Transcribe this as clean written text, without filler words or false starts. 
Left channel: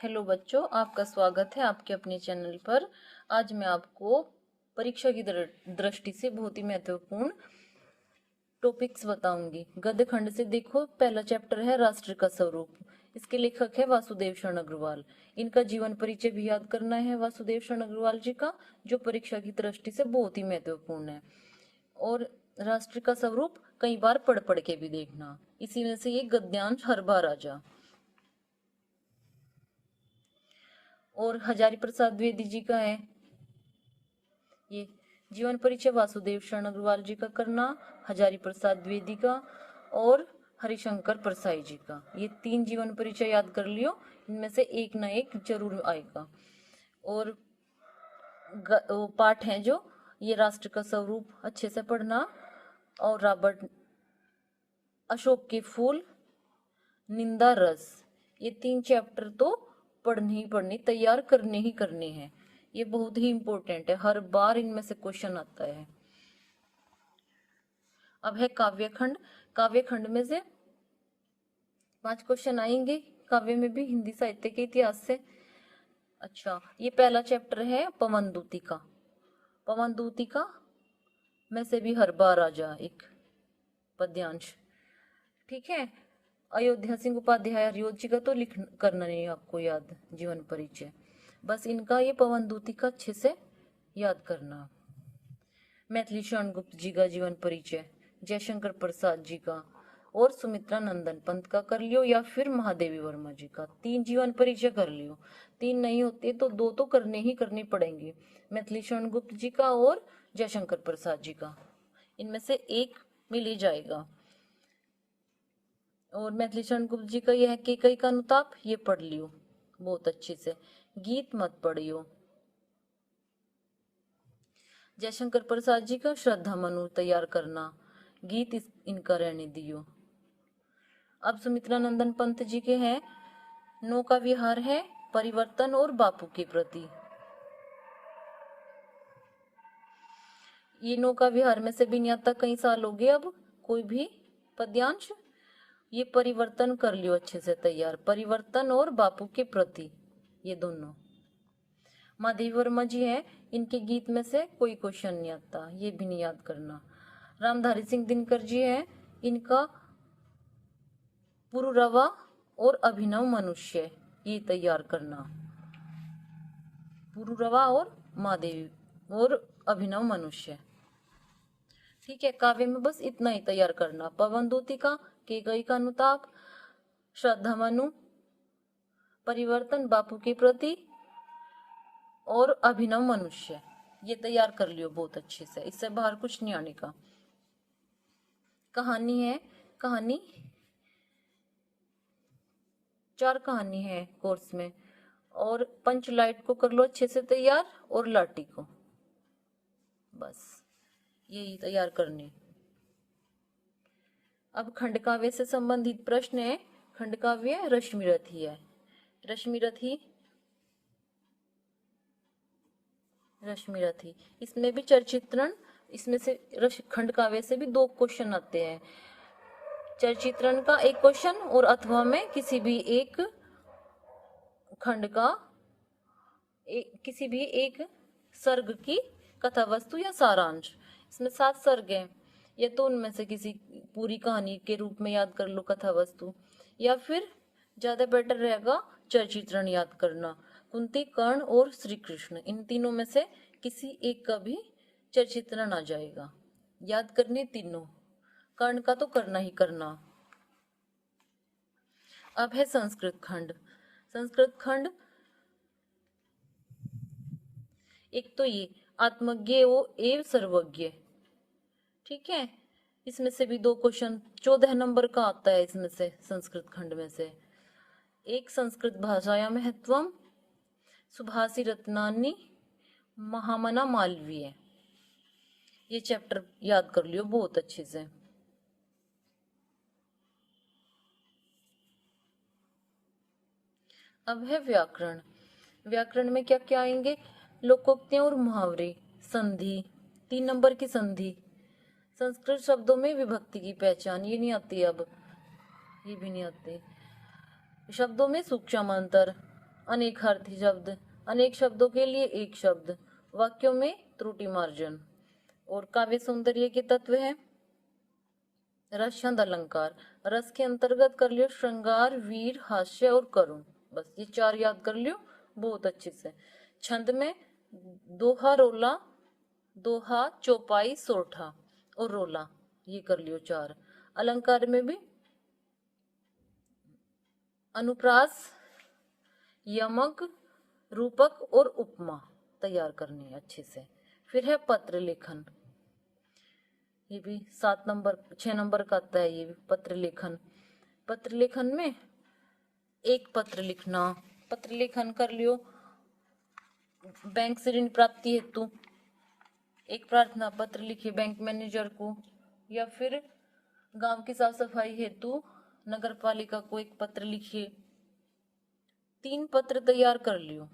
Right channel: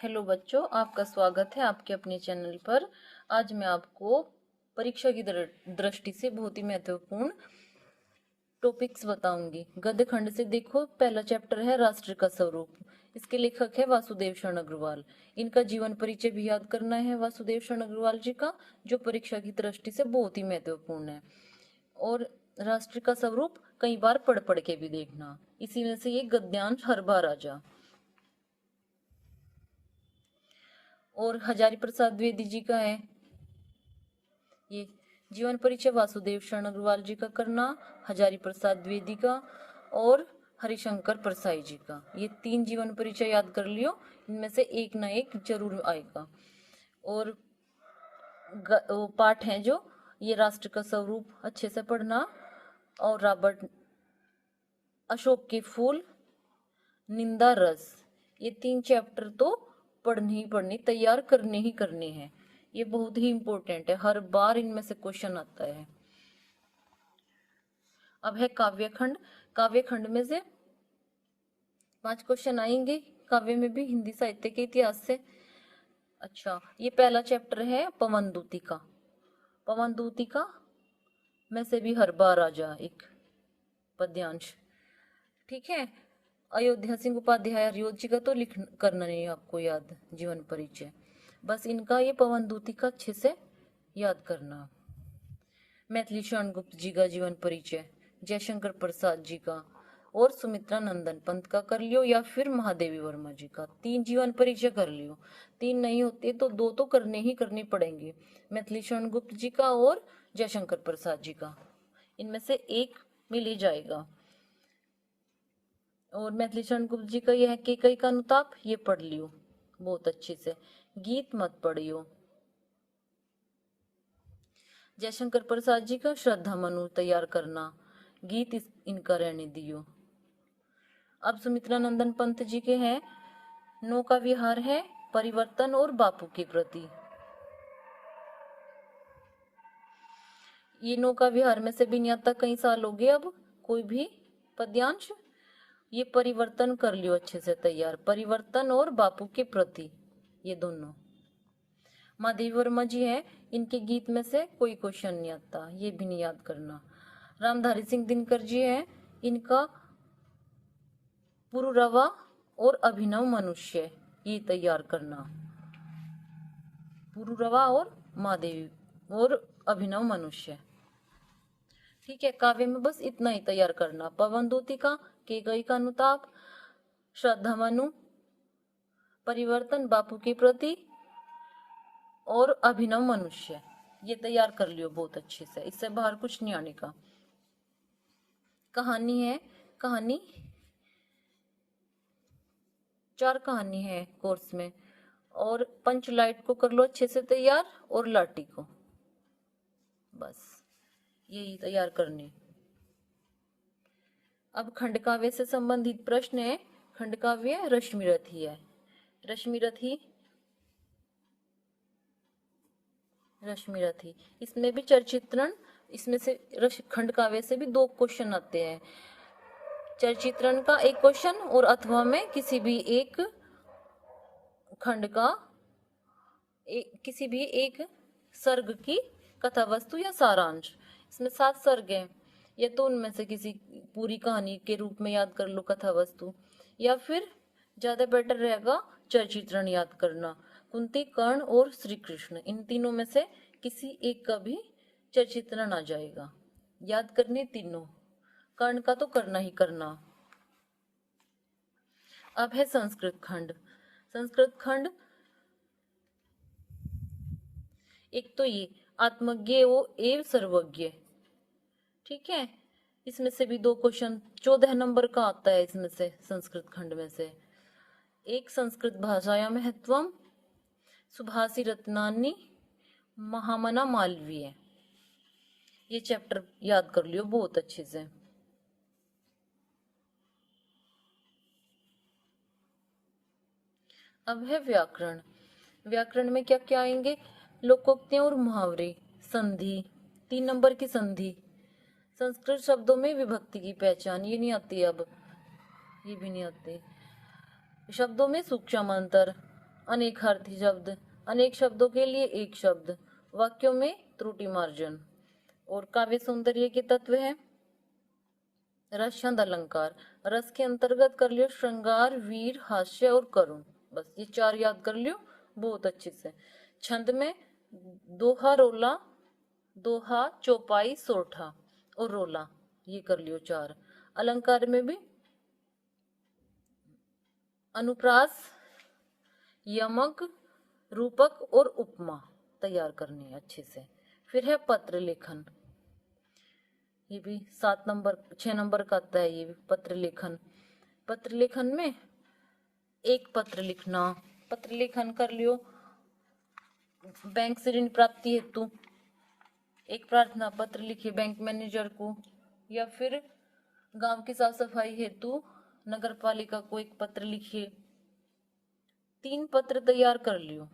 Hello बच्चों, आपका स्वागत है आपके अपने चैनल पर। आज मैं आपको परीक्षा की दृष्टि से बहुत ही महत्वपूर्ण टॉपिक्स बताऊंगी। गद्य खंड से देखो, पहला चैप्टर है राष्ट्र का स्वरूप। इसके लेखक है वासुदेव शरण अग्रवाल। इनका जीवन परिचय भी याद करना है वासुदेव शरण अग्रवाल जी का, जो परीक्षा की दृष्टि से बहुत ही महत्वपूर्ण है। और राष्ट्र का स्वरूप कई बार पढ़ के भी देखना, इसी में से ये गद्यांश हर बार आ जा। और हजारी प्रसाद द्विवेदी जी का है ये जीवन परिचय वासुदेव शरण अग्रवाल जी का करना, हजारी प्रसाद द्विवेदी का और हरिशंकर परसाई जी का। ये 3 जीवन परिचय याद कर लियो, इनमें से एक ना एक जरूर आएगा। और पाठ है जो ये राष्ट्र का स्वरूप अच्छे से पढ़ना, और रॉबर्ट अशोक के फूल, निंदा रस, ये 3 चैप्टर तो पढ़ने ही पढ़ने, तैयार करने ही करने हैं। ये बहुत ही इंपॉर्टेंट है, हर बार इनमें से क्वेश्चन आता है। अब है काव्य खंड। काव्य खंड में से 5 क्वेश्चन आएंगे, काव्य में भी हिंदी साहित्य के इतिहास से। अच्छा, ये पहला चैप्टर है पवन दूतिका। पवन दूतिका में से भी हर बार आ जा एक पद्यांश, ठीक है। अयोध्या सिंह उपाध्याय हरिओ जी का तो लिख करना नहीं आपको याद, जीवन परिचय। बस इनका ये पवन दूतिका अच्छे से याद करना। मैथिली शरण गुप्त जी का जीवन परिचय, जयशंकर प्रसाद जी का और सुमित्रा नंदन पंत का कर लियो, या फिर महादेवी वर्मा जी का। 3 जीवन परिचय कर लियो। 3 नहीं होते तो 2 तो करने ही करने पड़ेंगे, मैथिली शरण गुप्त जी का और जयशंकर प्रसाद जी का। इनमें से एक मिल ही जाएगा। और मैथिली शरण गुप्त जी का यह केकई का अनुताप, ये पढ़ लियो बहुत अच्छे से। गीत मत पढ़ियो। जयशंकर प्रसाद जी का श्रद्धा मनु तैयार करना, गीत इनका रहने दियो। अब सुमित्रा नंदन पंत जी के हैं नौका विहार है, परिवर्तन और बापू के प्रति। ये नौका विहार में से भी नहीं आता, कई साल हो गए अब कोई भी पद्यांश। ये परिवर्तन कर लियो अच्छे से तैयार, परिवर्तन और बापू के प्रति, ये दोनों। महादेवी वर्मा जी है, इनके गीत में से कोई क्वेश्चन नहीं आता, ये भी नहीं याद करना। रामधारी सिंह दिनकर जी है, इनका पुरुरवा और अभिनव मनुष्य, ये तैयार करना। पुरुरवा और महादेवी और अभिनव मनुष्य, ठीक है। काव्य में बस इतना ही तैयार करना, पवन दूतिका, केकई का अनुताप, श्रद्धा मनु, परिवर्तन, बापू के प्रति और अभिनव मनुष्य, ये तैयार कर लियो बहुत अच्छे से, इससे बाहर कुछ नहीं आने का। कहानी है, कहानी 4 कहानी है कोर्स में, और पंचलाइट को कर लो अच्छे से तैयार, और लाठी को, बस यही तैयार करने। अब खंड काव्य से संबंधित प्रश्न है। खंड काव्य रश्मिरथी है। रश्मिरथी इसमें भी चरचित्रण, इसमें से खंड काव्य से भी 2 क्वेश्चन आते हैं। चरचित्रण का एक क्वेश्चन, और अथवा में किसी भी एक खंड का किसी भी एक सर्ग की कथा वस्तु या सारांश। इसमें 7 सर्ग हैं, या तो उनमें से किसी पूरी कहानी के रूप में याद कर लो कथा वस्तु, या फिर ज्यादा बेटर रहेगा चरचित्रण याद करना। कुंती, कर्ण और श्री कृष्ण, इन तीनों में से किसी एक का भी चरचित्रण आ जाएगा। याद करने तीनों, कर्ण का तो करना ही करना। अब है संस्कृत खंड। संस्कृत खंड एक तो ये आत्मज्ञ एवं सर्वज्ञ, ठीक है। इसमें से भी 2 क्वेश्चन 14 नंबर का आता है इसमें से, संस्कृत खंड में से। एक संस्कृत भाषाया महत्वम, सुभाषी रत्नानी, महामना मालवीय, ये चैप्टर याद कर लियो बहुत अच्छे से। अब है व्याकरण। व्याकरण में क्या क्या आएंगे, लोकोक्तियां और मुहावरे, संधि, 3 नंबर की संधि, संस्कृत शब्दों में विभक्ति की पहचान, ये नहीं आती अब, ये भी नहीं आती। शब्दों में सूक्ष्म अंतर, अनेकार्थी शब्द, अनेक शब्दों के लिए एक शब्द, वाक्यों में त्रुटि मार्जन। और काव्य सौंदर्य के तत्व है रस छंद अलंकार। रस के अंतर्गत कर लियो श्रृंगार, वीर, हास्य और करुण। बस ये चार याद कर लियो बहुत अच्छे से। छंद में दोहा, रोला, दोहा, चौपाई, सोठा और रोला, ये कर लियो चार। अलंकार में भी अनुप्रास, यमक, रूपक और उपमा तैयार करनी है अच्छे से। फिर है पत्र लेखन, ये भी 6 नंबर का आता है ये पत्र लेखन। पत्र लेखन में एक पत्र लिखना, पत्र लेखन कर लियो बैंक से ऋण प्राप्ति हेतु एक प्रार्थना पत्र लिखिए बैंक मैनेजर को, या फिर गांव की साफ सफाई हेतु नगर पालिका को एक पत्र लिखिए। 3 पत्र तैयार कर लियो।